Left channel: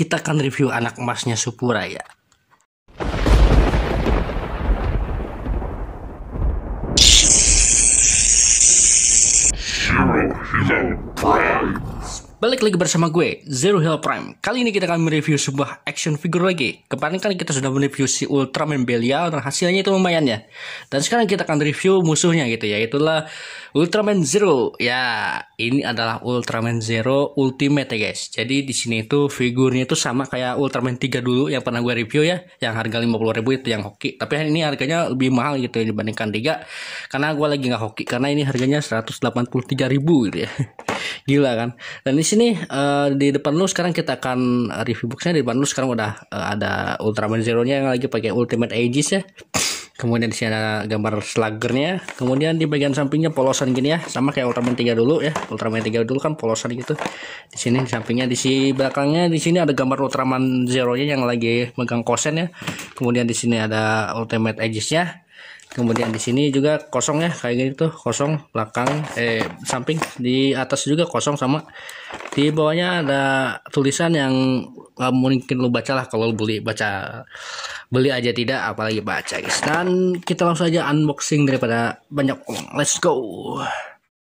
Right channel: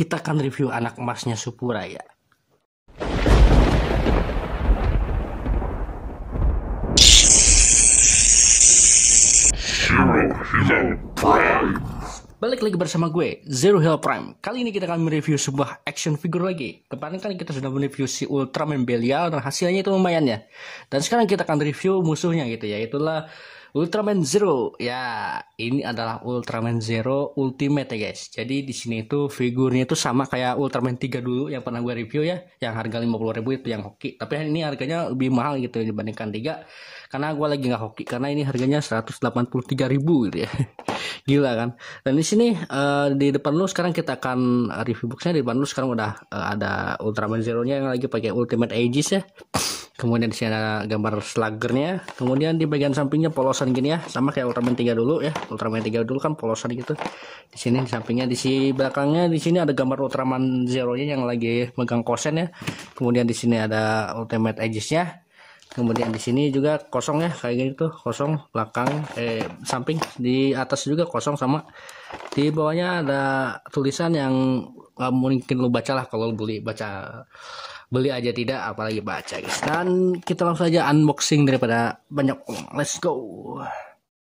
kita akan review anak emasnya Supuraya. Balik lagi bersama gue, Zero Hell Prime. Kali ini kita akan mereview sebuah action figure lagi. Kemarin kan kita sudah mereview si Ultraman Belial dan hasilnya itu lumayan ya. Dan sekarang kita akan review musuhnya gitu ya, itulah Ultraman Zero. Ya, ini adalah Ultraman Zero Ultimate ya guys. Jadi di sini itu figurnya itu sama kayak Ultraman 3 dulu yang pernah gue review ya, yang harga 50.000 itu yang hoki. Tapi hari ini harganya lebih mahal gitu ya dibandingkan 3. Karena gue lagi nggak hoki, karena ini harganya 183.000 gitu ya. Gila kan. Dan di sini di depan lu sekarang kita akan review boxnya. Di depan lu sekarang udah ada Ultraman Zero-nya yang lagi pakai Ultimate Aegis ya. Kemudian di sini ada gambar sluggernya. Kemudian di bagian sampingnya polosan gini ya, sama kayak Ultraman 3 dulu ya. Ultraman 3 dulu kan polosan gitu. Di sini di sampingnya, di sini belakangnya di sini ada gambar Ultraman Zero-nya yang lagi megang kosen ya. Kemudian di sini ada Ultimate Aegis-nya. Kemudian di sini juga kosong ya, kayak gitu tuh, kosong belakang, samping, di atas juga kosong, sama di bawahnya ada tulisan yang mungkin lu baca lah kalau lu beli aja tidak apalagi baca guys. Dan kita langsung aja unboxing daripada banyak, let's go.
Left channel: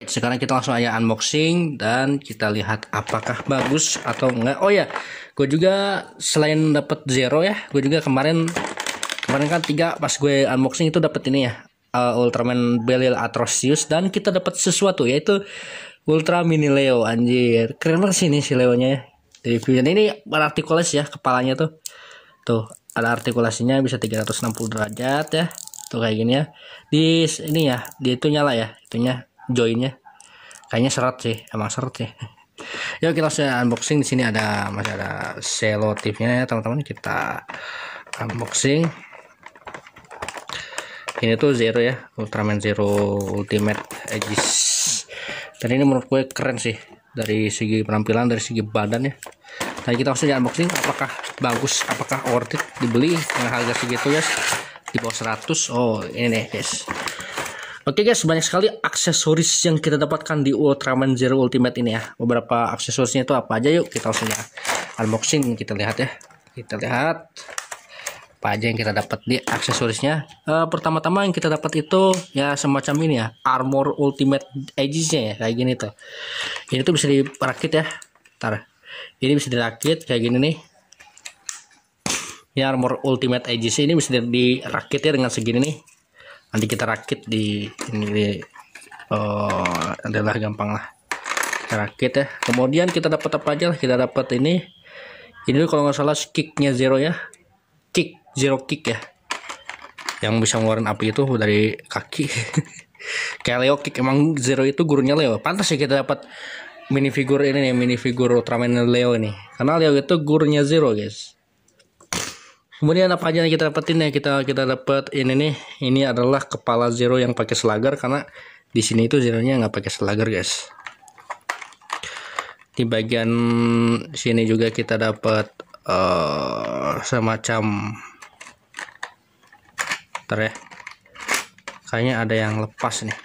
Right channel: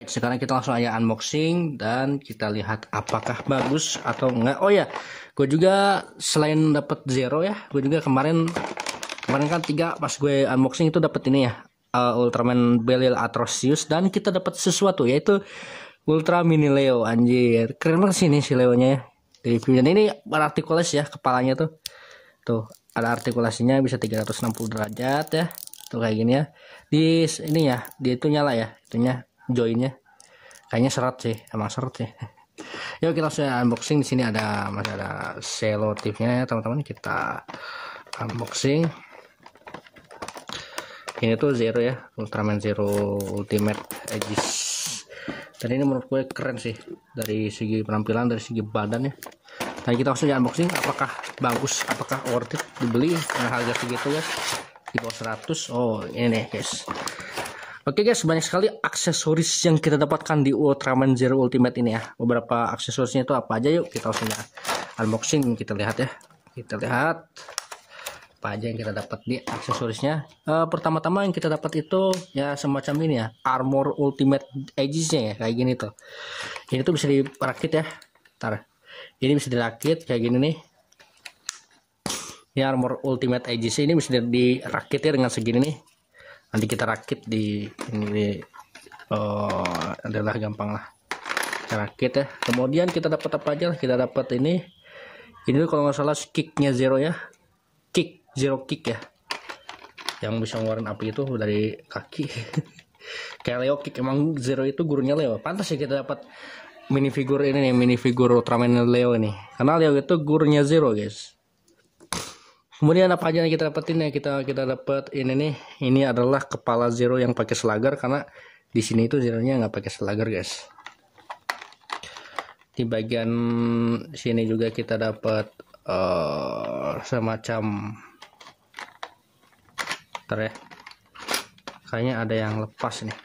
Sekarang kita langsung aja unboxing dan kita lihat apakah bagus atau enggak. Oh ya, gue juga selain dapat Zero ya, gue juga kemarin kan 3 pas gue unboxing itu dapat ini ya, Ultraman Belial Atrocious, dan kita dapat sesuatu yaitu Ultra Mini Leo. Anjir, keren banget sih ini si Leo nya ya. Di reviewnya ini berartikulasi ya, kepalanya tuh ada artikulasinya, bisa 360 derajat ya, tuh kayak gini ya. Di ini ya, di itu nyala ya, itunya joinnya kayaknya seret sih, emang seret sih. Yuk kita langsung unboxing. Di sini masih ada selotipnya ya teman-teman, kita unboxing. Ini tuh Zero ya, Ultraman Zero Ultimate Aegis. Dan ini menurut gue keren sih, dari segi penampilan, dari segi badan ya. Dan kita langsung unboxing, apakah bagus, apakah worth it dibeli dengan harga segitu ya, di bawah 100. Oh ini nih guys. Oke guys, banyak sekali aksesoris yang kita dapatkan di Ultraman Zero Ultimate ini ya. Beberapa aksesorisnya itu apa aja, yuk kita langsung unboxing, kita lihat ya. Kita lihat apa aja yang kita dapat di aksesorisnya. Pertama-tama yang kita dapat itu ya semacam ini ya, armor Ultimate Aegis-nya ya, kayak gini tuh. Ini tuh bisa dirakit ya. Ntar, ini bisa dirakit kayak gini nih. Ini armor Ultimate Aegis ini bisa dirakit ya dengan segini nih. Nanti kita rakit di ini adalah gampang lah. Kita rakit ya. Kemudian kita dapat apa aja? Kita dapat ini kalau nggak salah kicknya Zero ya. Zero kick ya, yang bisa ngeluarin api itu dari kaki. Kayak Leo kick, emang Zero itu gurunya Leo. Pantas ya kita dapat minifigure ini nih, minifigure Ultraman Leo ini, karena Leo itu gurunya Zero guys. Kemudian apa aja yang kita dapetin ya, kita dapat ini nih, ini adalah kepala Zero yang pakai slugger, karena di sini itu Zero-nya nggak pakai slugger guys. Di bagian sini juga kita dapat semacam ya, kayaknya ada yang lepas nih.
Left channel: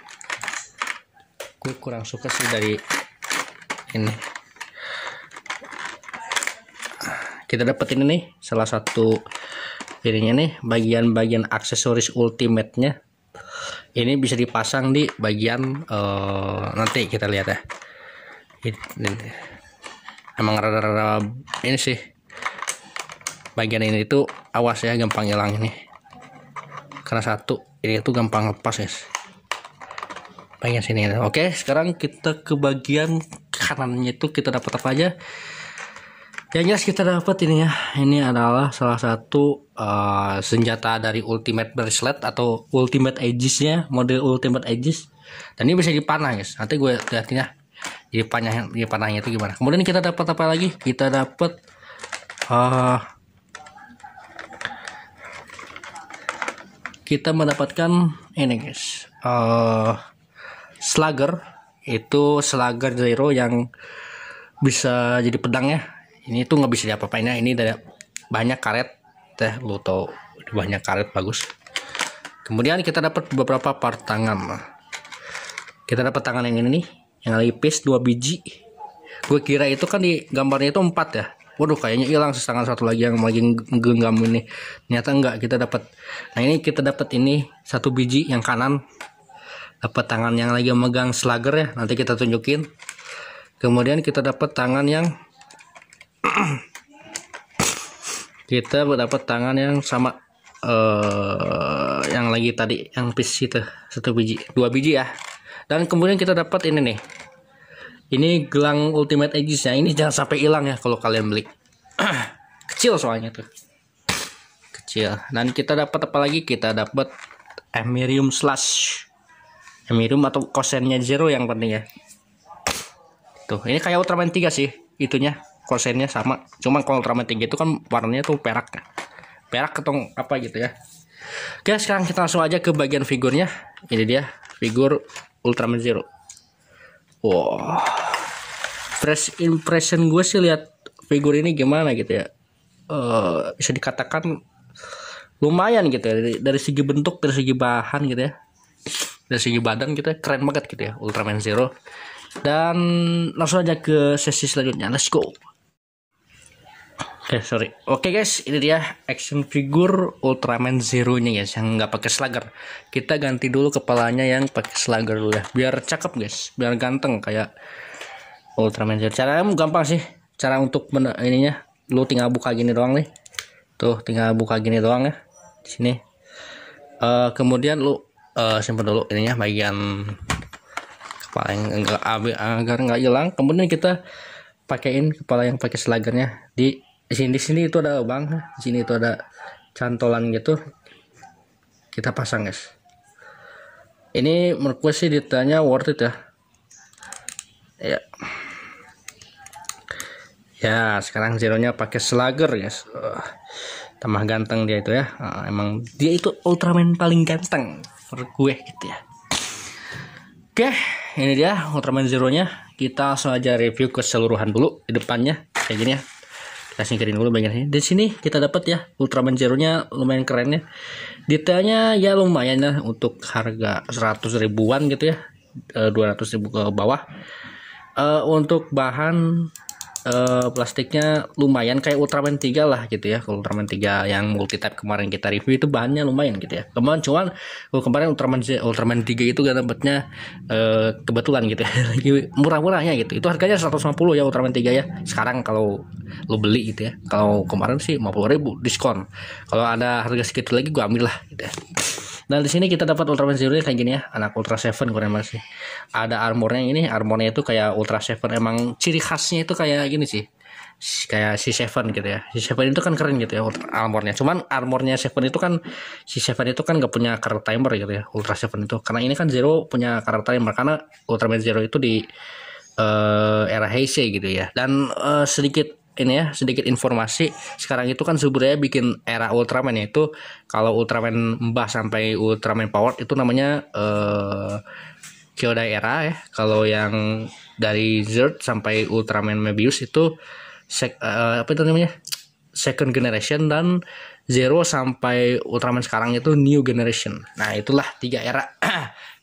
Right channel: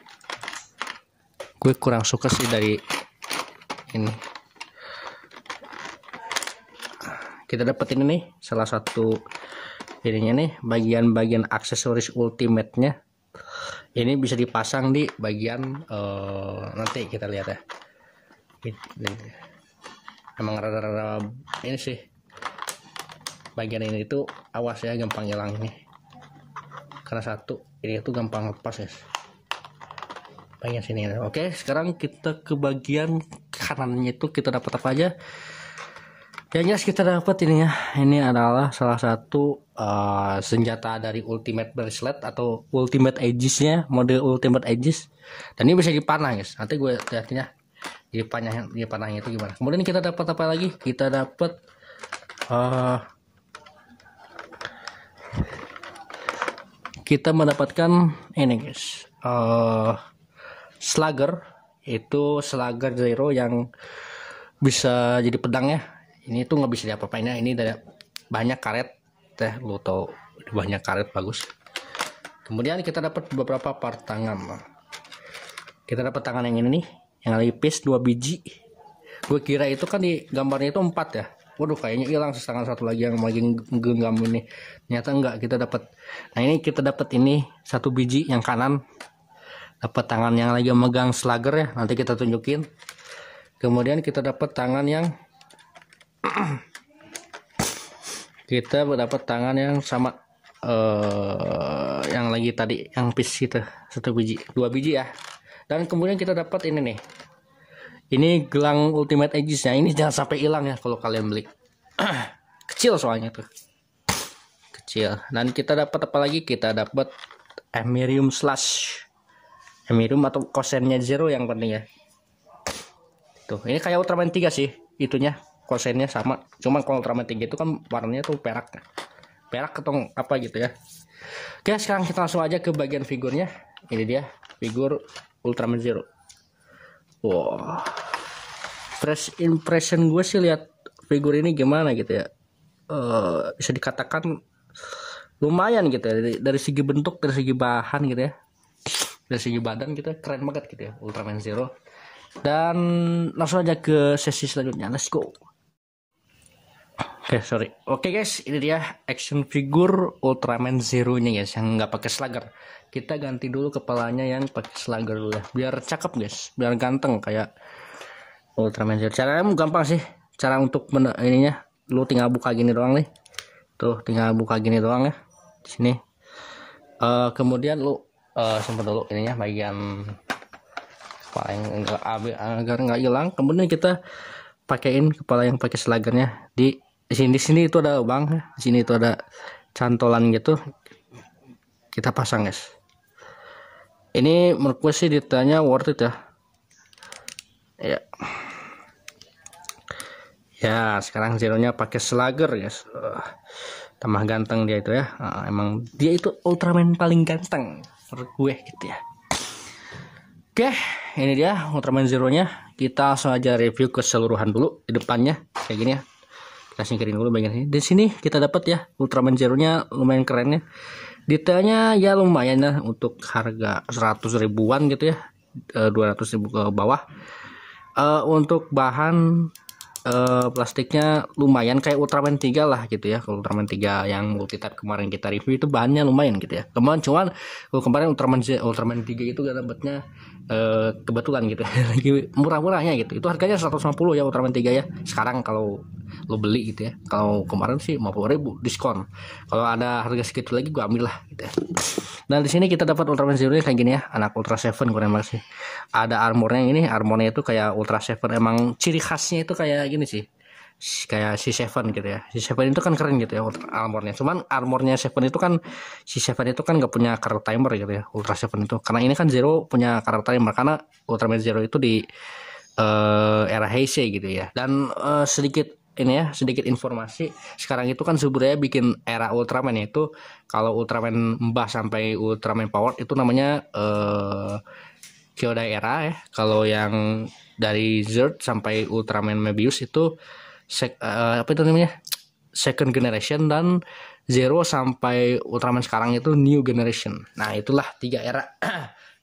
Gue kurang suka sih dari ini. Kita dapat ini nih, salah satu ininya nih, bagian aksesoris ultimate-nya. Ini bisa dipasang di bagian nanti kita lihat ya. Ini emang rada-rada ini sih, bagian ini itu awas ya, gampang hilang ini. Karena satu ini tuh gampang lepas guys, bagian sini. Oke, sekarang kita ke bagian kanannya, itu kita dapat apa aja. Yang jelas kita dapat ini ya, ini adalah salah satu senjata dari Ultimate Bracelet atau Ultimate Aegis-nya, model Ultimate Aegis. Dan ini bisa dipanah guys, nanti gue lihat ya panahnya itu gimana. Kemudian kita dapat apa lagi? Kita dapat kita mendapatkan ini guys, slugger. Itu slugger Zero yang bisa jadi pedang ya. Ini tuh nggak bisa diapa-apain ya, ini ada banyak karet teh, lu tau banyak karet, bagus. Kemudian kita dapat beberapa part tangan. Kita dapat tangan yang ini nih, yang nipis 2 biji. Gue kira itu kan di gambarnya itu 4 ya, Waduh, kayaknya hilang tangan satu lagi yang lagi genggam ini. Ternyata enggak, kita dapat. Nah, ini kita dapat ini satu biji yang kanan. Dapat tangan yang lagi megang slugger ya, nanti kita tunjukin. Kemudian kita dapat tangan yang sama yang lagi tadi yang piece itu satu biji, dua biji ya. Dan kemudian kita dapat ini nih. Ini gelang Ultimate Aegis-nya. Ini jangan sampai hilang ya kalau kalian beli. Kecil soalnya tuh. Kecil. Dan kita dapat apa lagi? Kita dapat Emirium Slash. Emirium atau kosennya Zero yang penting ya. Tuh, ini kayak Ultraman 3 sih. Itunya, kosennya sama. Cuma kalau Ultraman 3 itu kan warnanya tuh perak. Perak atau apa gitu ya. Oke, sekarang kita langsung aja ke bagian figurnya. Ini dia, figur Ultraman Zero. Wow, first impression gue sih lihat figur ini gimana gitu ya, bisa dikatakan lumayan gitu ya, dari segi bentuk, dari segi bahan gitu ya, dari segi badan gitu ya, keren banget gitu ya Ultraman Zero. Dan langsung aja ke sesi selanjutnya, let's go. Oke guys, ini dia action figure Ultraman Zero nya guys, yang nggak pakai slugger. Kita ganti dulu kepalanya yang pakai slugger dulu ya, biar cakep guys, biar ganteng kayak Ultraman Zero. Caranya gampang sih, cara untuk ininya, lu tinggal buka gini doang nih. Tuh, tinggal buka gini doang ya, di sini. Kemudian lu simpan dulu ininya bagian kepala yang agar nggak hilang. Kemudian kita pakaiin kepala yang pakai sluggernya di sini itu ada lubang, di sini itu ada cantolan gitu, kita pasang guys. Ini menurut gue sih detailnya worth it ya. Ya sekarang Zero-nya pakai slugger guys, tambah ganteng dia itu ya. Emang dia itu Ultraman paling ganteng menurut gue gitu ya. Oke, ini dia Ultraman Zero-nya. Kita langsung aja review keseluruhan dulu di depannya kayak gini ya. Kita singkirin dulu bagian ini. Di sini kita dapat ya Ultraman Zero-nya lumayan keren ya. Detailnya ya lumayan ya, untuk harga 100 ribuan gitu ya, 200 ribu ke bawah. Untuk bahan plastiknya lumayan kayak Ultraman 3 lah gitu ya. Ultraman 3 yang multi type kemarin kita review itu bahannya lumayan gitu ya. Cuman kemarin Ultraman 3 itu gak dapatnya kebetulan gitu ya. Lagi murah-murahnya gitu. Itu harganya 150 ya Ultraman 3 ya. Sekarang kalau lo beli gitu ya. Kalau kemarin sih 50 ribu diskon. Kalau ada harga segitu lagi gue ambil lah gitu ya. Dan di sini kita dapat Ultraman Zero kayak gini ya, anak Ultra Seven keren banget sih. Ada armornya, ini armornya itu kayak Ultra Seven, emang ciri khasnya itu kayak gini sih, kayak si Seven gitu ya. Si Seven itu kan keren gitu ya armornya. Cuman armornya Seven itu kan, si Seven itu kan gak punya karakter timer gitu ya, Ultra Seven itu. Karena ini kan Zero punya karakter timer, karena Ultraman Zero itu di era Heisei gitu ya. Dan sedikit informasi, sekarang itu kan sebenarnya bikin era Ultraman, yaitu kalau Ultraman Mbah sampai Ultraman Power itu namanya Kyodai era ya. Kalau yang dari Zerd sampai Ultraman Mebius itu second generation, dan Zero sampai Ultraman sekarang itu new generation. Nah itulah 3 era.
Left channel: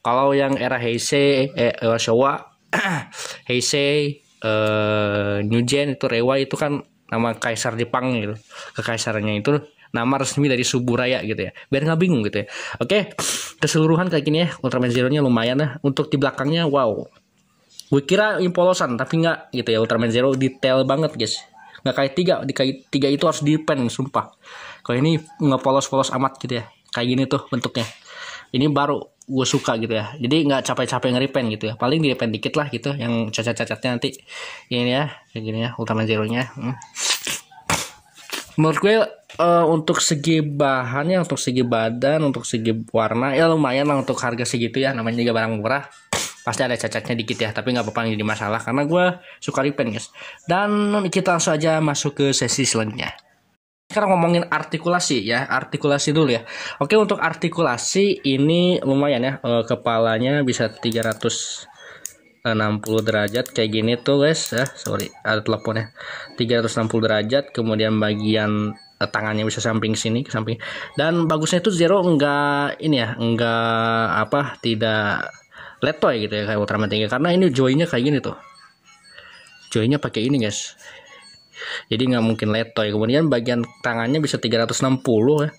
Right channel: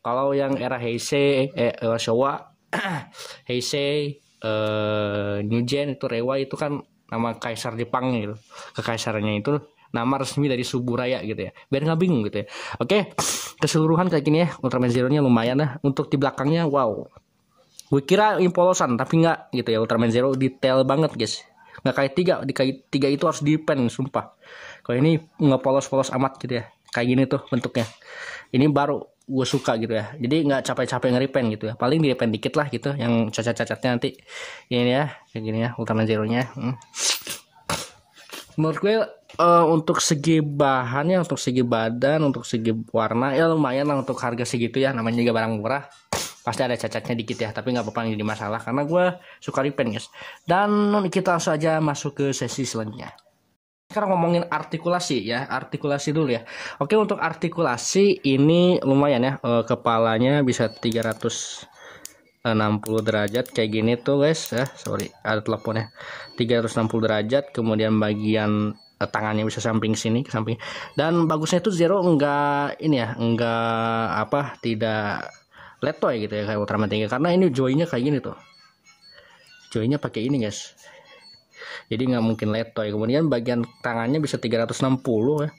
Kalau yang era Heisei, Showa, Heisei, New Gen itu Reiwa itu kan nama kaisar Jepang gitu. Kekaisarannya itu nama resmi dari Suburaya gitu ya. Biar nggak bingung gitu ya. Oke, keseluruhan kayak gini ya. Ultraman Zero-nya lumayan lah. Untuk di belakangnya wow. Gue kira impolosan tapi nggak gitu ya. Ultraman Zero detail banget guys. Nggak kayak 3. Di kayak 3 itu harus dipen sumpah. Kalau ini nggak polos-polos amat gitu ya. Kayak gini tuh bentuknya. Ini baru gue suka gitu ya, jadi nggak capek-capek ngeripen gitu ya, paling direpen dikit lah gitu, yang cacat-cacatnya nanti ini ya kayak gini ya Ultraman Zero-nya. Menurut gue untuk segi bahannya, untuk segi badan, untuk segi warna ya lumayan lah untuk harga segitu ya, namanya juga barang murah, pasti ada cacatnya dikit ya, tapi nggak apa-apa, jadi masalah karena gue suka repen guys. Dan kita langsung aja masuk ke sesi selanjutnya. Sekarang ngomongin artikulasi ya, artikulasi dulu ya. Oke, untuk artikulasi ini lumayan ya, kepalanya bisa 360 derajat kayak gini tuh guys ya. Sorry, ada teleponnya. 360 derajat, kemudian bagian tangannya bisa samping sini ke samping. Dan bagusnya itu Zero enggak ini ya, tidak letoy gitu ya kayak Ultraman 3, karena ini joynya kayak gini tuh. Joynya pakai ini guys. jadi nggak mungkin letoy. Kemudian bagian tangannya bisa 360 ya,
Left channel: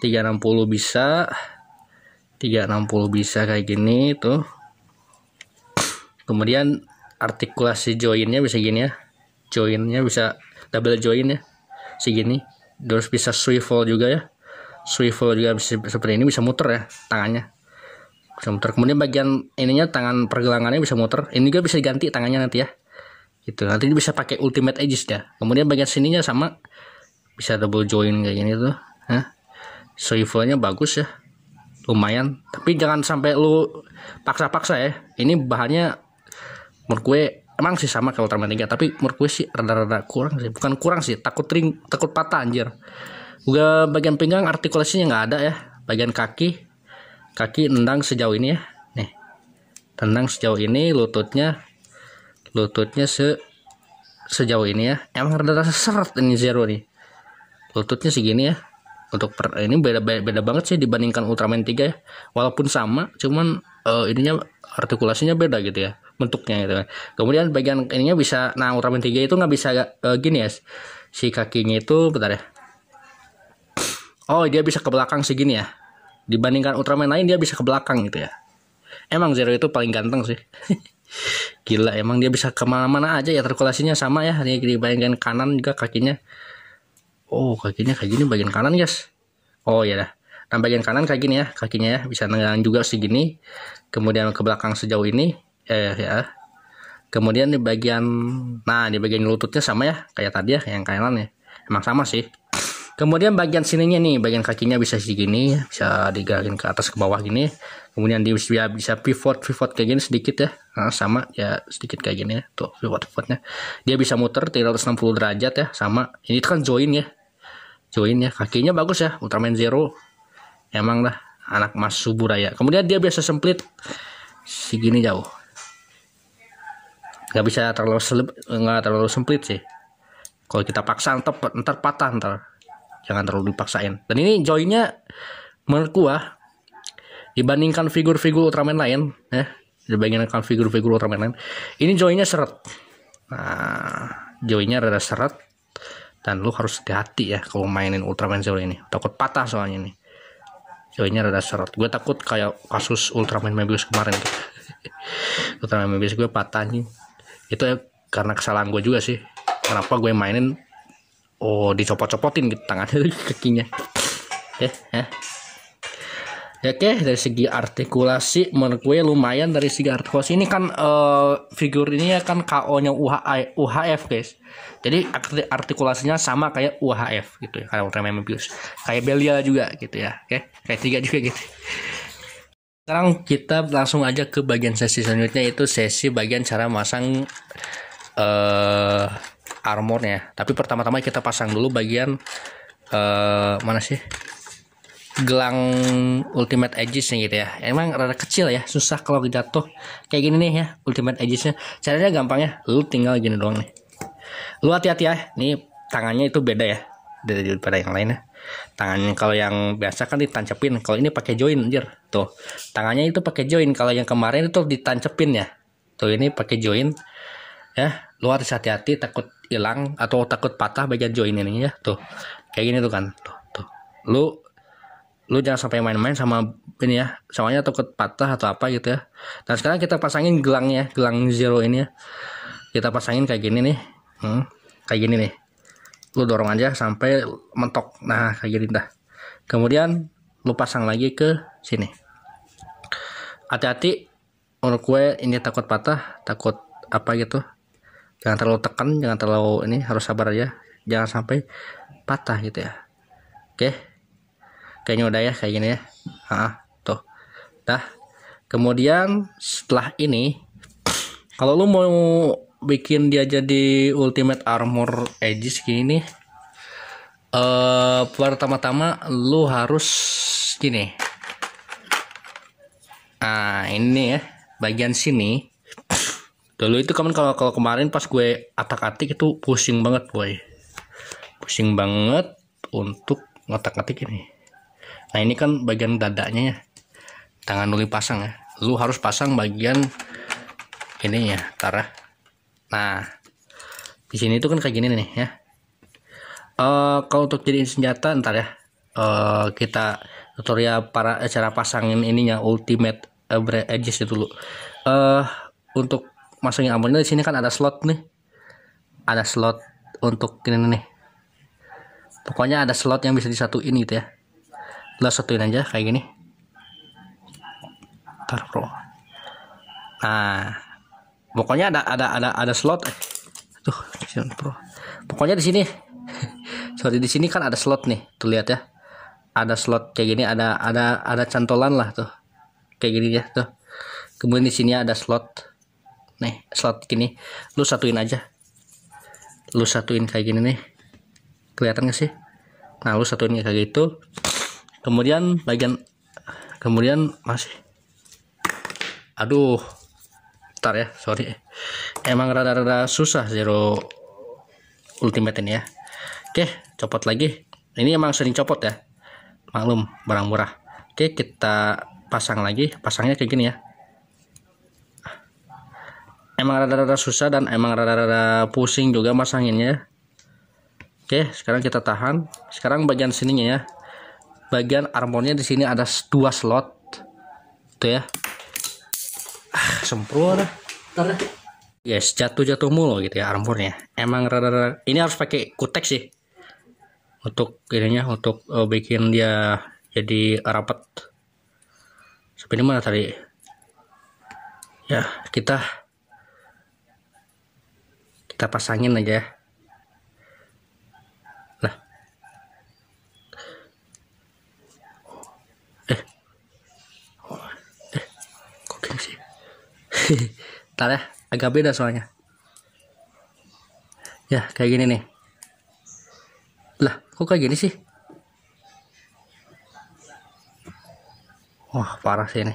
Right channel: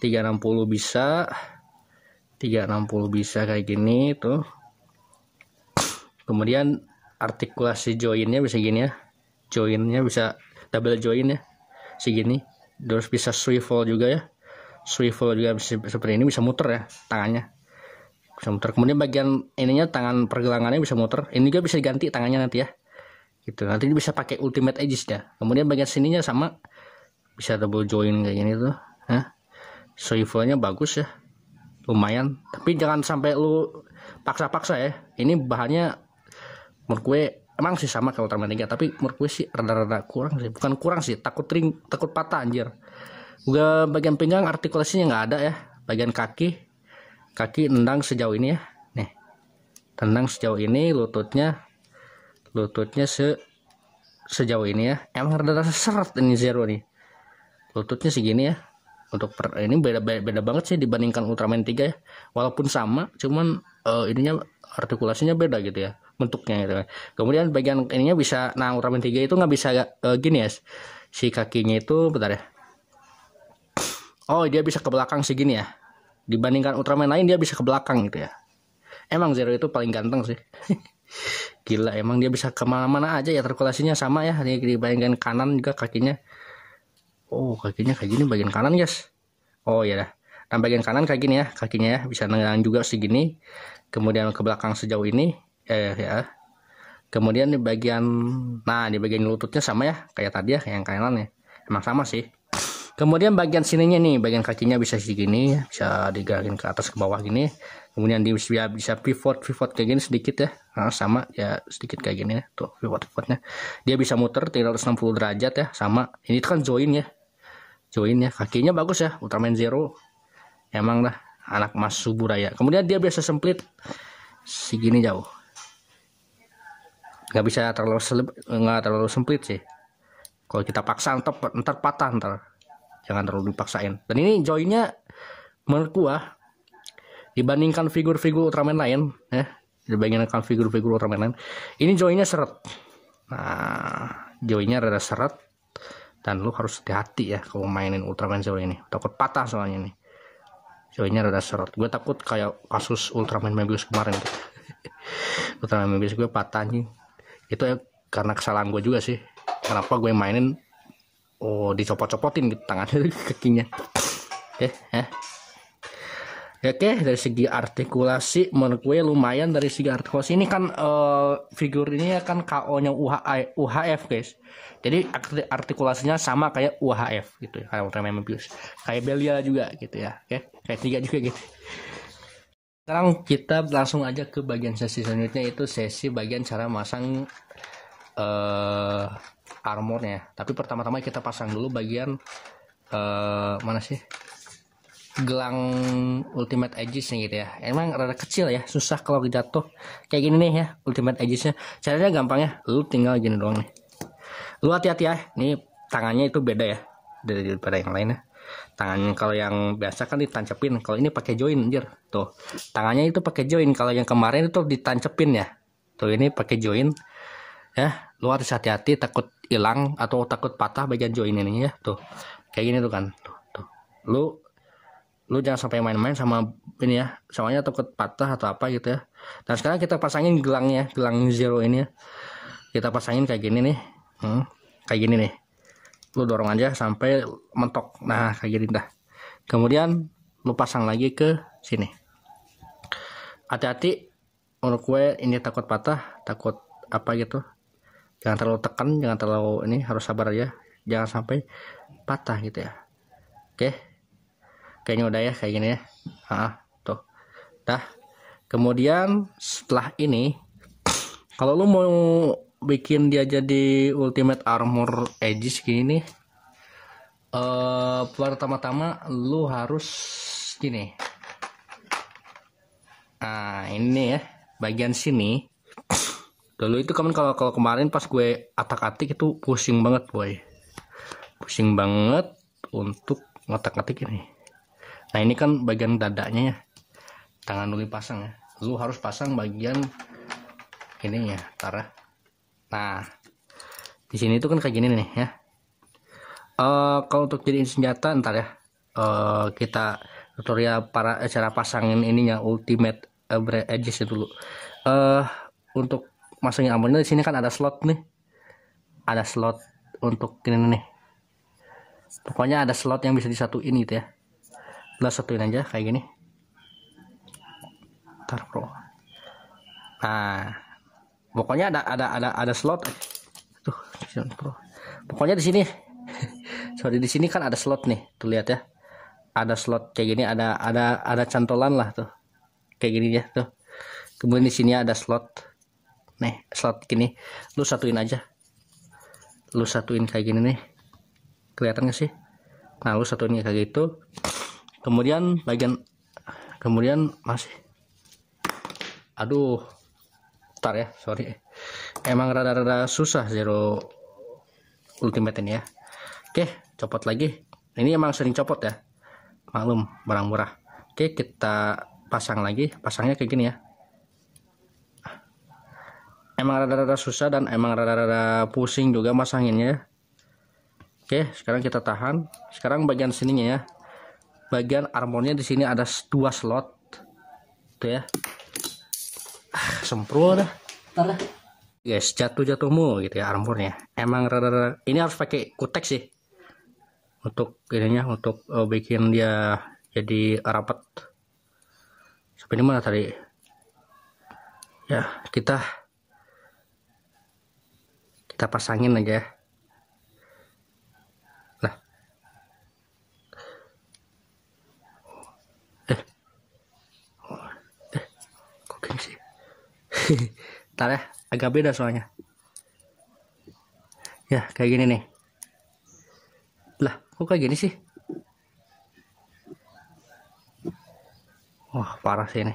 360 bisa, 360 bisa kayak gini tuh. Kemudian artikulasi joinnya bisa gini ya, joinnya bisa double join ya segini. Terus bisa swivel juga ya, swivel juga bisa seperti ini, bisa muter ya tangannya, bisa muter. Kemudian bagian ininya, tangan pergelangannya bisa muter, ini juga bisa diganti tangannya nanti ya gitu. Nanti ini bisa pakai ultimate edges ya. Kemudian bagian sininya sama, bisa double join kayak gini tuh. Swivelnya bagus ya, lumayan. Tapi jangan sampai lu paksa-paksa ya. Ini bahannya menurut gue emang sih sama kayak Ultraman 3, tapi menurut gue sih rada-rada kurang sih. Bukan kurang sih, takut patah anjir. Juga bagian pinggang artikulasinya nggak ada ya. Bagian kaki nendang sejauh ini ya. Nih, tendang sejauh ini, lututnya sejauh ini ya. Emang rada seret ini Zero nih. Lututnya segini ya. Untuk ini beda banget sih dibandingkan Ultraman 3 ya. Walaupun sama, cuman ininya artikulasinya beda gitu ya, bentuknya gitu kan. Kemudian bagian ininya bisa, nah Ultraman 3 itu nggak bisa gini ya, si kakinya itu bentar ya. Oh, dia bisa ke belakang segini ya. Dibandingkan Ultraman lain dia bisa ke belakang gitu ya. Emang Zero itu paling ganteng sih. Gila, emang dia bisa kemana-mana aja ya, artikulasinya sama ya. Dia di bagian kanan juga kakinya. Oh, kakinya kayak gini bagian kanan guys. Oh ya dah. Nah bagian kanan kayak gini ya, kakinya ya bisa nendang juga segini. Kemudian ke belakang sejauh ini ya. Kemudian di bagian lututnya sama ya kayak tadi ya, yang kanan ya. Emang sama sih. Kemudian bagian sininya nih, bagian kakinya bisa segini, bisa digerakin ke atas ke bawah gini. Kemudian dia bisa pivot kayak gini sedikit ya. Nah, sama ya sedikit kayak gini ya. Tuh pivotnya. Dia bisa muter 360 derajat ya, sama. Ini kan join ya. Join ya, kakinya bagus ya, Ultraman Zero. Emang lah anak Mas Suburaya. Kemudian dia biasa semplit segini jauh. Nggak bisa terlalu semplit sih. Kalau kita paksa ntar patah ntar. Jangan terlalu dipaksain. Dan ini joinnya menurut gua dibandingkan figur-figur Ultraman lain ya, dibandingkan figur-figur Ultraman lain, ini joinnya seret. Nah, joinnya rada seret. Dan lu harus hati-hati ya kalau mainin Ultraman Zero ini. Takut patah soalnya nih. Joinnya rada seret. Gue takut kayak kasus Ultraman Mebius kemarin. Ultraman Mebius gue patah nih. Itu ya karena kesalahan gue juga sih. Kenapa gue mainin dicopot-copotin gitu tangannya kakinya. Oke, dari segi artikulasi menurut gue lumayan. Dari segi artikulasi ini kan figur ini ya kan KO-nya UHF guys. Jadi artikulasinya sama kayak UHF gitu ya, kayak Ultraman Mebius, kayak Belia juga gitu ya. Oke, kayak 3 juga gitu. Sekarang kita langsung aja ke bagian sesi selanjutnya, itu sesi bagian cara masang armornya. Tapi pertama-tama kita pasang dulu bagian mana sih? Gelang ultimate edges-nya gitu ya. Emang rada kecil ya, susah kalau jatuh. Kayak gini nih ya, ultimate edges-nya. Caranya gampang ya, lu tinggal gini doang nih. Lu hati-hati ya, nih tangannya itu beda ya daripada yang lainnya. Tangannya kalau yang biasa kan ditancepin, kalau ini pakai join anjir. Tuh, tangannya itu pakai join. Kalau yang kemarin itu ditancepin ya. Tuh ini pakai join. Ya, lu harus hati-hati takut hilang atau takut patah bagian join ini ya. Tuh. Kayak gini tuh kan. Tuh. Lu jangan sampai main-main sama ini ya. Soalnya takut patah atau apa gitu ya. Dan sekarang kita pasangin gelangnya, gelang Zero ini ya. Kita pasangin kayak gini nih. Kayak gini nih. Lu dorong aja sampai mentok. Nah, kayak gini dah. Kemudian lu pasang lagi ke sini. Hati-hati, menurut gue ini takut patah, takut apa gitu. Jangan terlalu tekan, jangan terlalu ini, harus sabar aja. Jangan sampai patah gitu ya. Oke. Kayaknya udah ya, kayak gini ya. Tuh. Dah. Kemudian setelah ini, kalau lu mau bikin dia jadi ultimate armor edges gini nih, pertama-tama lu harus gini. Nah ini ya, bagian sini dulu itu kan kalau kemarin pas gue atak-atik itu pusing banget boy, pusing banget untuk ngotak-atik ini. Nah ini kan bagian dadanya ya, tangan dulu pasang ya, lu harus pasang bagian ini ya, Tara. Nah, di sini tuh kan kayak gini nih ya. Kalau untuk jadiin senjata ntar ya, kita tutorial cara pasangin ininya ultimate edges itu dulu. Untuk masangin armornya di sini kan ada slot nih, ada slot untuk ini nih. Pokoknya ada slot yang bisa disatuin gitu ya. Lo satuin aja kayak gini. Ntar bro. Nah, pokoknya ada slot. Tuh, bro. Pokoknya di sini. Sorry, di sini kan ada slot nih, tuh lihat ya, ada slot kayak gini, ada cantolan lah tuh, kayak gini ya tuh. Kemudian di sini ada slot, nih slot gini, lu satuin aja, lu satuin kayak gini nih, kelihatan gak sih? Nah, lu satuin kayak gitu. Kemudian masih, aduh, ntar ya, sorry, emang rada-rada susah Zero Ultimate ini ya. Oke, copot lagi. Ini emang sering copot ya, maklum barang murah. Oke, kita pasang lagi. Pasangnya kayak gini ya. Emang rada-rada susah dan emang rada-rada pusing juga masanginnya. Oke, sekarang kita tahan. Sekarang bagian sininya ya, bagian armornya di sini ada 2 slot tuh ya. Semprot dah. Yes, jatuh mulu gitu ya armornya. Emang rada-rada, ini harus pakai kutek sih untuk ininya, untuk bikin dia jadi rapat. Sampai ini mana tadi ya, kita pasangin aja ya. Nah, kok gini sih? Ntar ya, agak beda soalnya ya, kayak gini nih. Lah, kok kayak gini sih? Wah, parah sih ini.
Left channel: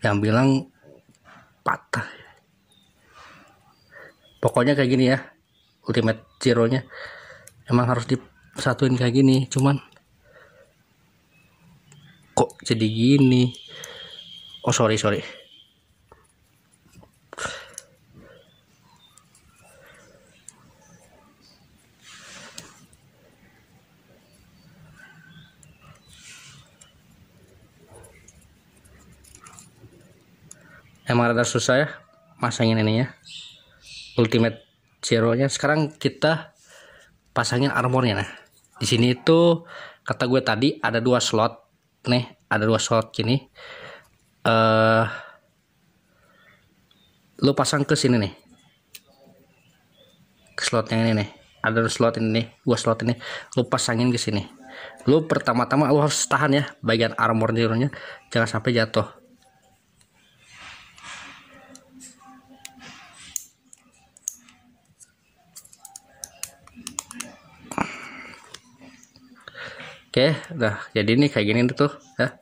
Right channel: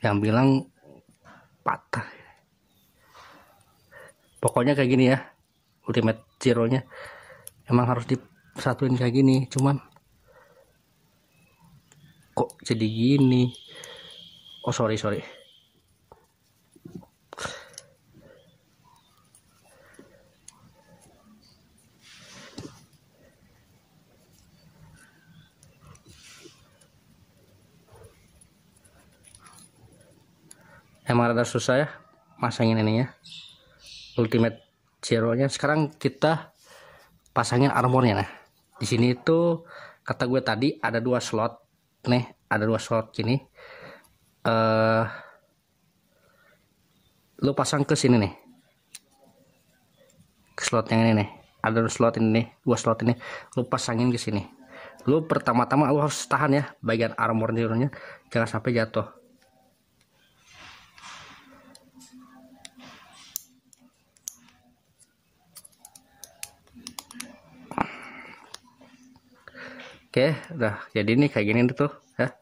Yang bilang patah. Pokoknya kayak gini ya, Ultimate Zero-nya emang harus disatuin kayak gini. Cuman kok jadi gini? Oh, sorry. Emang rada susah ya masangin ininya, Ultimate Zero-nya. Sekarang kita pasangin armornya. Nah, di sini itu kata gue tadi ada 2 slot nih, ada 2 slot gini. Lu pasang ke sini nih, ke slot yang ini nih, ada 2 slot ini nih, 2 slot ini lu pasangin ke sini. Lu pertama-tama lu harus tahan ya bagian armor Zero-nya, jangan sampai jatuh. Oke, udah jadi nih kayak gini tuh ya.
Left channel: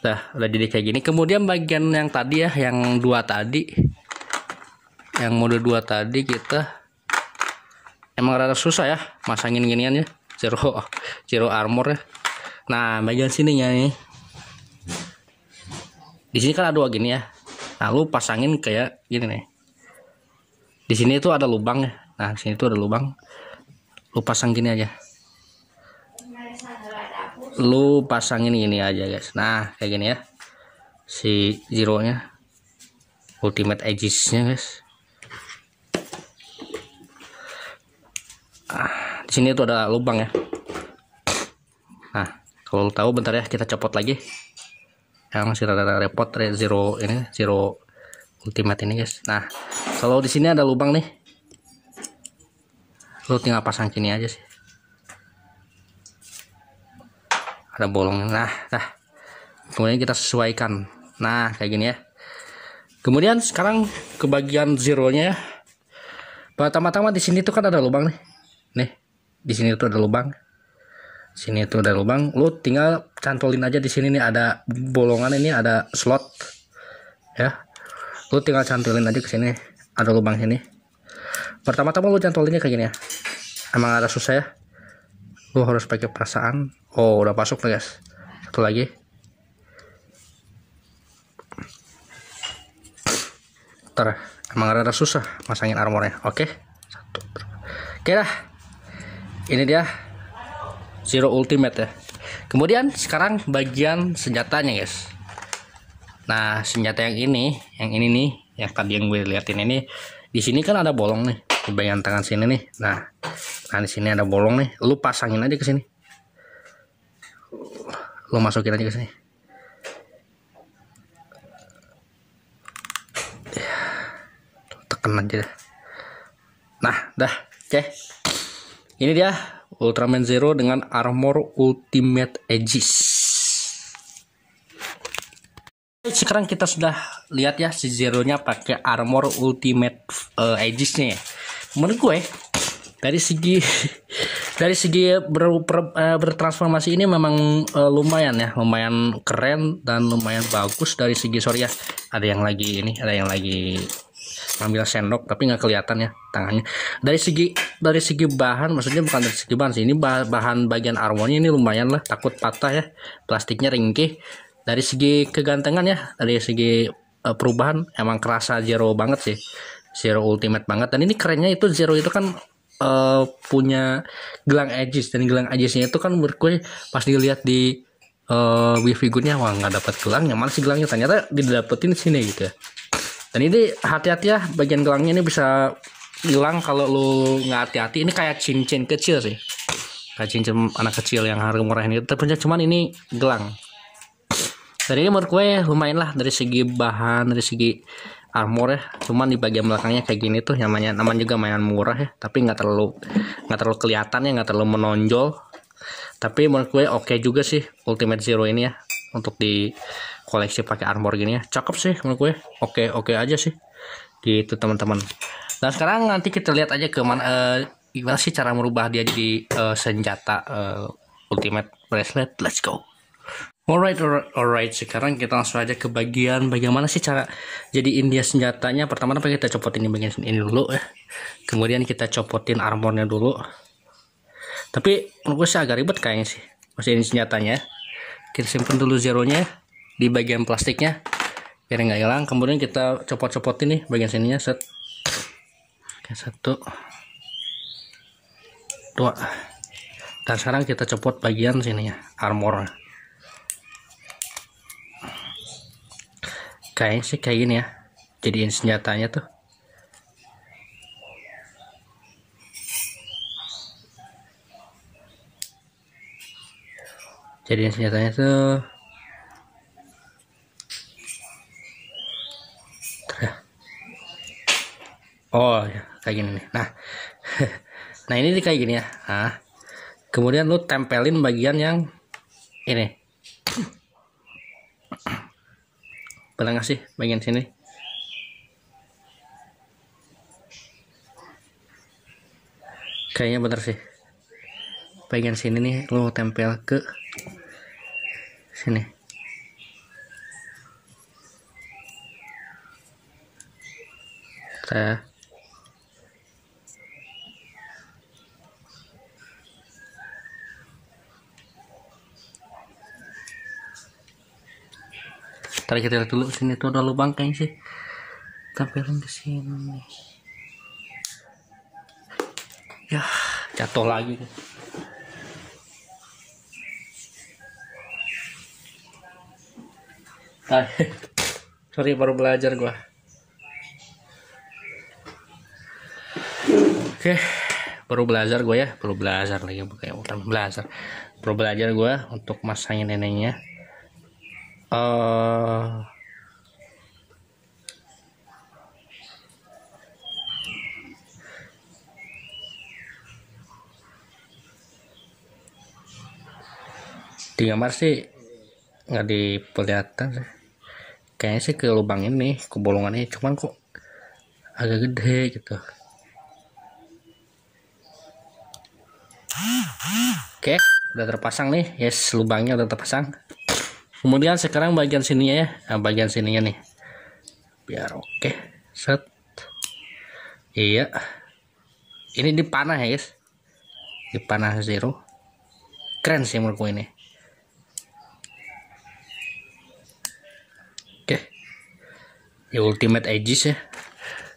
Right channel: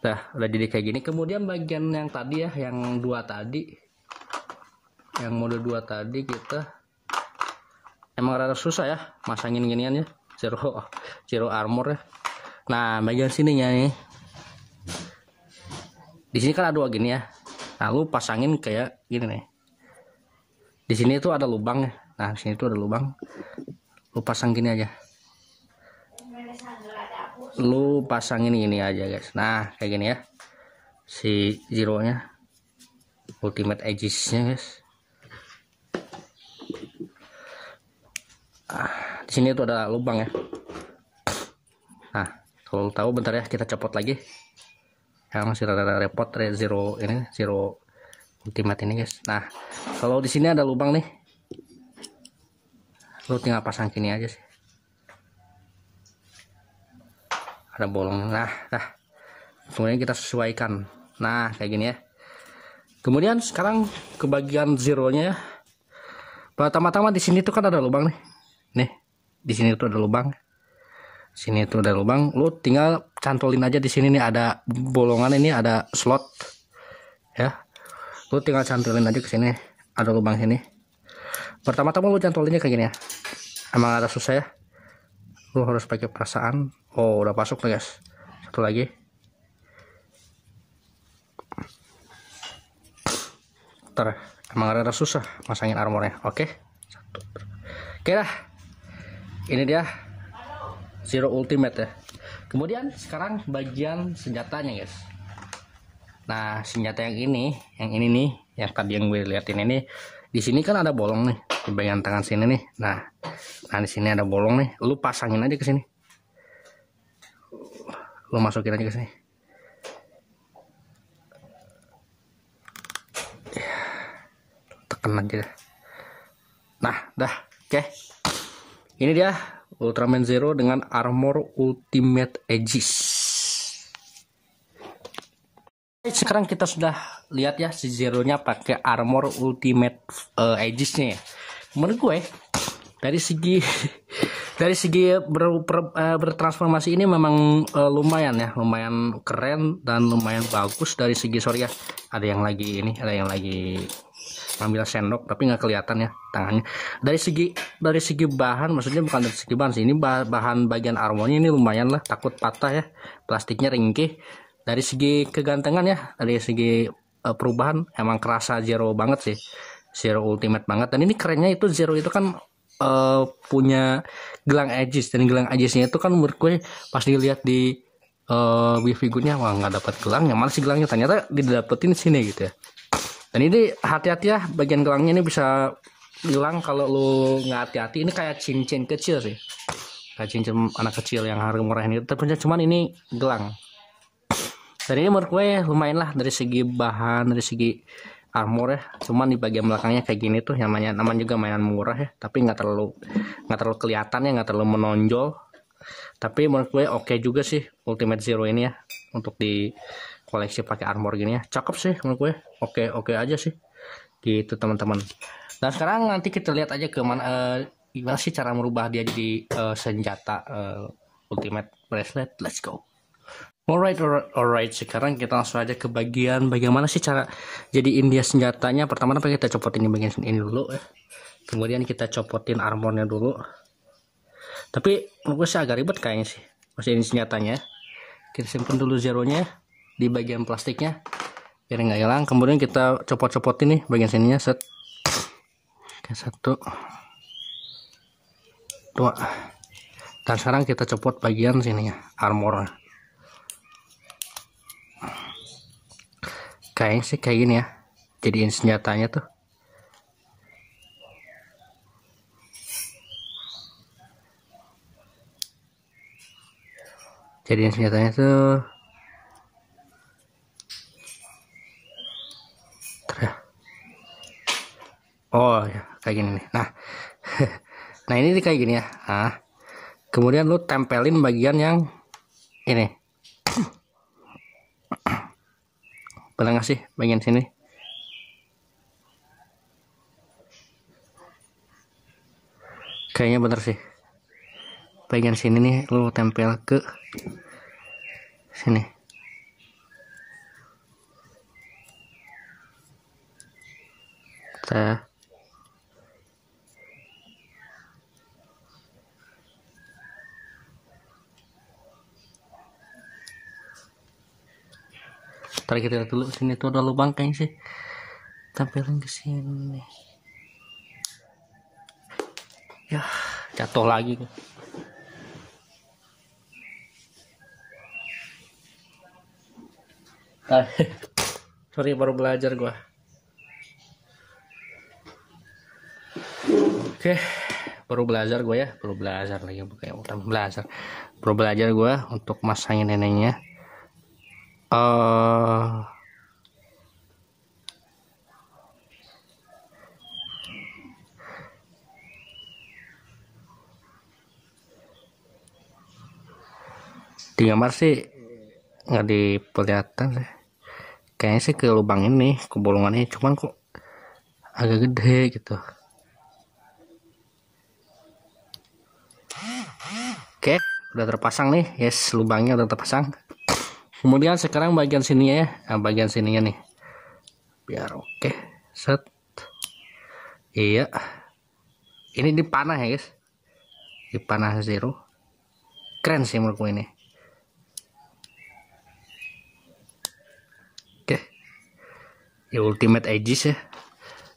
Udah jadi kayak gini. Kemudian bagian yang tadi ya, yang 2 tadi, yang mode 2 tadi, kita emang rada susah ya masangin ginian ya, zero armor ya. Nah, bagian sininya nih, di sini kan ada 2 gini ya. Nah, lu pasangin kayak gini nih. Di sini tuh ada lubang ya. Nah, di sini tuh ada lubang. Lu pasang gini aja. Lu pasangin ini aja guys. Nah, kayak gini ya, si Zero-nya, Ultimate Edges-nya guys. Di sini tuh ada lubang ya. Nah, kalau tahu bentar ya, kita copot lagi. Yang masih rada repot Zero ini, Zero Ultimate ini guys. Nah, kalau di sini ada lubang nih, lu tinggal pasang gini aja sih. Ada bolong. Nah, kemudian kita sesuaikan. Nah, kayak gini ya. Kemudian sekarang ke bagian Zero-nya. Pertama-tama di sini tuh kan ada lubang nih. Nih, di sini tuh ada lubang. Sini tuh ada lubang. Lu tinggal cantolin aja di sini nih, ada bolongan, ini ada slot. Ya. Lu tinggal cantolin aja ke sini. Ada lubang sini. Pertama-tama lu cantolinnya kayak gini ya. Emang ada susah ya. Lu harus pakai perasaan. Oh, udah masuk nih guys. Satu lagi. Ntar, emang rada susah masangin armornya. Oke. Oke dah. Ini dia Zero Ultimate ya. Kemudian sekarang bagian senjatanya guys. Nah senjata yang ini nih, yang tadi yang gue liatin ini, di sini kan ada bolong nih di bagian tangan sini nih. Nah di sini ada bolong nih, lu pasangin aja ke sini, lu masukin aja ke sini. Tekan aja deh. Nah dah, oke. Ini dia Ultraman Zero dengan armor Ultimate Aegis. Sekarang kita sudah lihat ya si Zero-nya pakai armor Ultimate Aegis-nya. Menurut gue dari segi bertransformasi ini memang lumayan ya, lumayan keren dan lumayan bagus dari segi sorry ya. Ada yang lagi ambil sendok tapi nggak kelihatan ya tangannya. Dari segi bahan, maksudnya bukan dari segi bahan sih, ini bahan bagian armornya ini lumayan lah, takut patah ya, plastiknya ringkih. Dari segi kegantengan ya, dari segi perubahan emang kerasa Zero banget sih, Zero Ultimate banget. Dan ini kerennya itu Zero itu kan punya gelang Aegis, dan gelang Aegisnya itu kan menurut gue pas dilihat di Wii figurnya, wah nggak dapat gelangnya, mana sih gelangnya, ternyata didapetin di sini gitu ya. Dan ini hati-hati ya, bagian gelangnya ini bisa hilang kalau lu nggak hati-hati. Ini kayak cincin kecil sih, kayak cincin anak kecil yang harga murah ini, tapi cuman ini gelang. Dan ini menurut gue lumayan lah dari segi bahan, dari segi armor ya. Cuman di bagian belakangnya kayak gini tuh, namanya juga mainan murah ya, tapi nggak terlalu kelihatan ya, nggak terlalu menonjol. Tapi menurut gue oke juga sih Ultimate Zero ini ya, untuk di koleksi pakai armor gini ya, cakep sih menurut gue. Oke aja sih gitu teman-teman. Dan sekarang nanti kita lihat aja gimana sih cara merubah dia jadi senjata Ultimate Bracelet. Let's go. Alright. Sekarang kita langsung aja ke bagian bagaimana sih cara jadiin dia senjatanya. Pertama kita copotin di bagian ini dulu ya. Kemudian kita copotin armornya dulu. Tapi menurut gue sih agak ribet kayaknya sih. Masih ini senjatanya. Kita simpen dulu Zeronya di bagian plastiknya biar nggak hilang. Kemudian kita copot-copotin nih bagian sininya, set. Oke, 1, 2. Dan sekarang kita copot bagian sininya, armornya. Kayaknya sih kayak gini ya, jadiin senjatanya tuh. Jadiin senjatanya tuh. Oh ya, kayak gini nih. Nah ini kayak gini ya. Nah, kemudian lu tempelin bagian yang ini. Bener nggak sih bagian sini? Kayaknya bener sih. Bagian sini nih lu tempel ke sini. Tadi kita lihat dulu sini tuh ada lubang kayaknya sih. Tempelin ke sini. Ya, jatuh lagi tuh. Sorry, baru belajar gua. Oke, baru belajar gue ya, baru belajar gue untuk masangin neneknya. Di gambar sih nggak diperlihatkan sih. Kayaknya sih ke lubang ini, ke bolongan ini, cuman kok agak gede gitu. Oke, udah terpasang nih, yes, lubangnya udah terpasang. Kemudian sekarang bagian sininya ya, bagian sininya nih, biar oke, set. Iya, ini dipanah ya guys, dipanah Zero, keren sih menurutku ini. Oke, di Ultimate Aegis ya.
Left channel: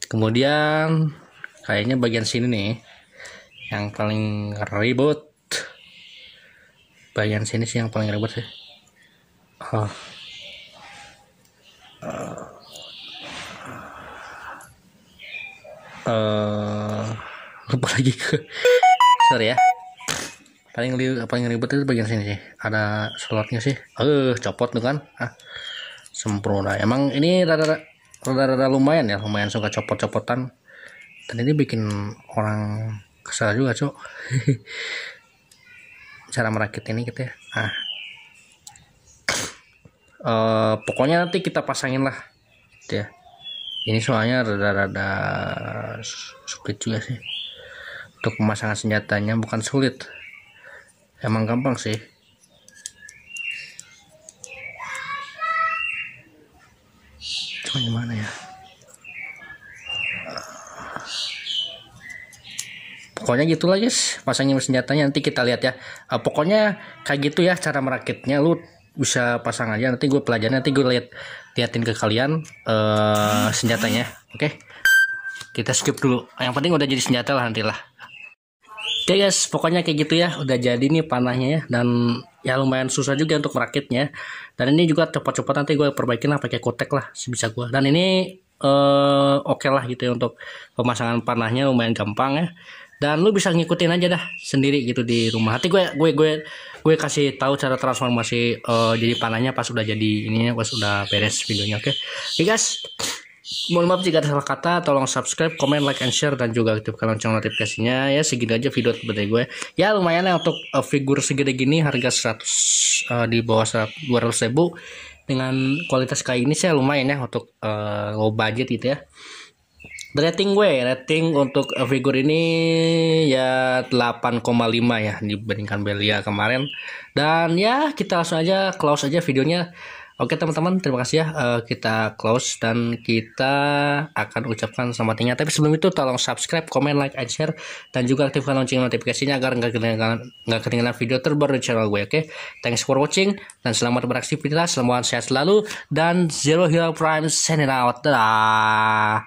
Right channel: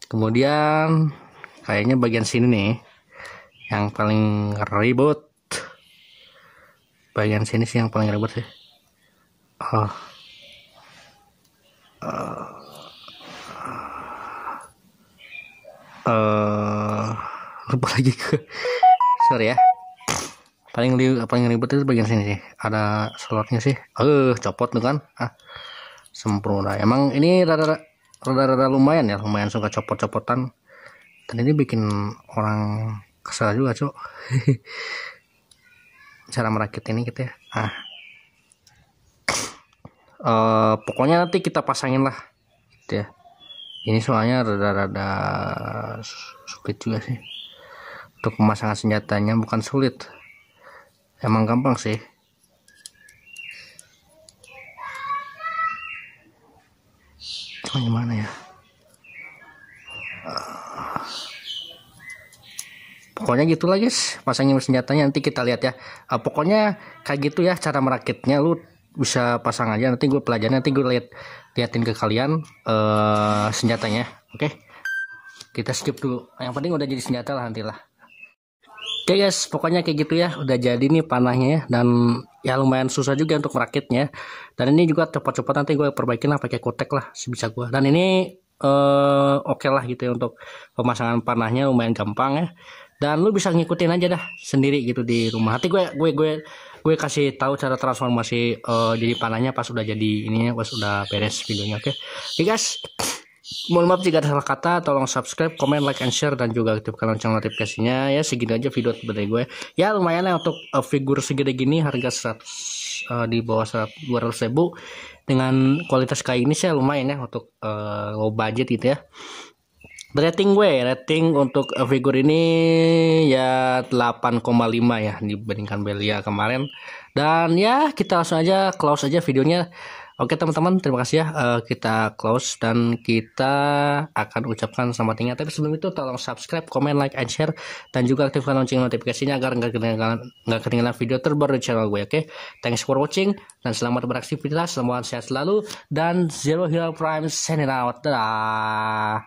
Kemudian kayaknya bagian sini nih, yang paling ribut. Bagian sini sih yang paling ribut sih. Lupa lagi sorry ya. Paling ribet itu bagian sini sih. Ada slotnya sih. Copot tuh kan. Sempurna. Emang ini rada lumayan ya, lumayan suka copot-copotan. Dan ini bikin orang kesal juga, Cuk. Cara merakit ini gitu ya. Pokoknya nanti kita pasangin lah gitu ya. Ini soalnya rada sulit juga sih untuk pemasangan senjatanya, bukan sulit, emang gampang sih. Cuma gimana ya, pokoknya gitulah guys, pasangin senjatanya nanti kita lihat ya. Pokoknya kayak gitu ya cara merakitnya, lu bisa pasang aja, nanti gue pelajarin, nanti gue liatin ke kalian senjatanya. Oke, kita skip dulu, yang penting udah jadi senjata lah nanti lah. Oke guys, pokoknya kayak gitu ya, udah jadi nih panahnya ya, dan ya lumayan susah juga untuk merakitnya. Dan ini juga cepat-cepat nanti gue perbaikin lah pakai kutek lah sebisa gue. Dan ini oke lah gitu ya, untuk pemasangan panahnya lumayan gampang ya. Dan lu bisa ngikutin aja dah sendiri gitu di rumah. Nanti gue kasih tahu cara transformasi jadi panahnya pas udah jadi ininya, pas udah beres videonya. Oke guys, mohon maaf jika ada salah kata, tolong subscribe, comment, like, and share, dan juga aktifkan lonceng notifikasinya ya. Segini aja video dari gue ya, lumayan ya untuk figur segede gini, harga 100 di bawah 200.000 dengan kualitas kayak ini sih lumayan ya untuk low budget gitu ya. Rating untuk figur ini ya 8,5 ya dibandingkan Belia kemarin. Dan ya kita langsung aja close aja videonya. Oke teman-teman, terima kasih ya, kita close dan kita akan ucapkan selamat tinggal. Tapi sebelum itu tolong subscribe, comment, like, and share, dan juga aktifkan lonceng notifikasinya agar nggak ketinggalan video terbaru di channel gue. Oke, thanks for watching dan selamat beraktivitas, semoga sehat selalu, dan Zero Hero Prime signing out. Dadah.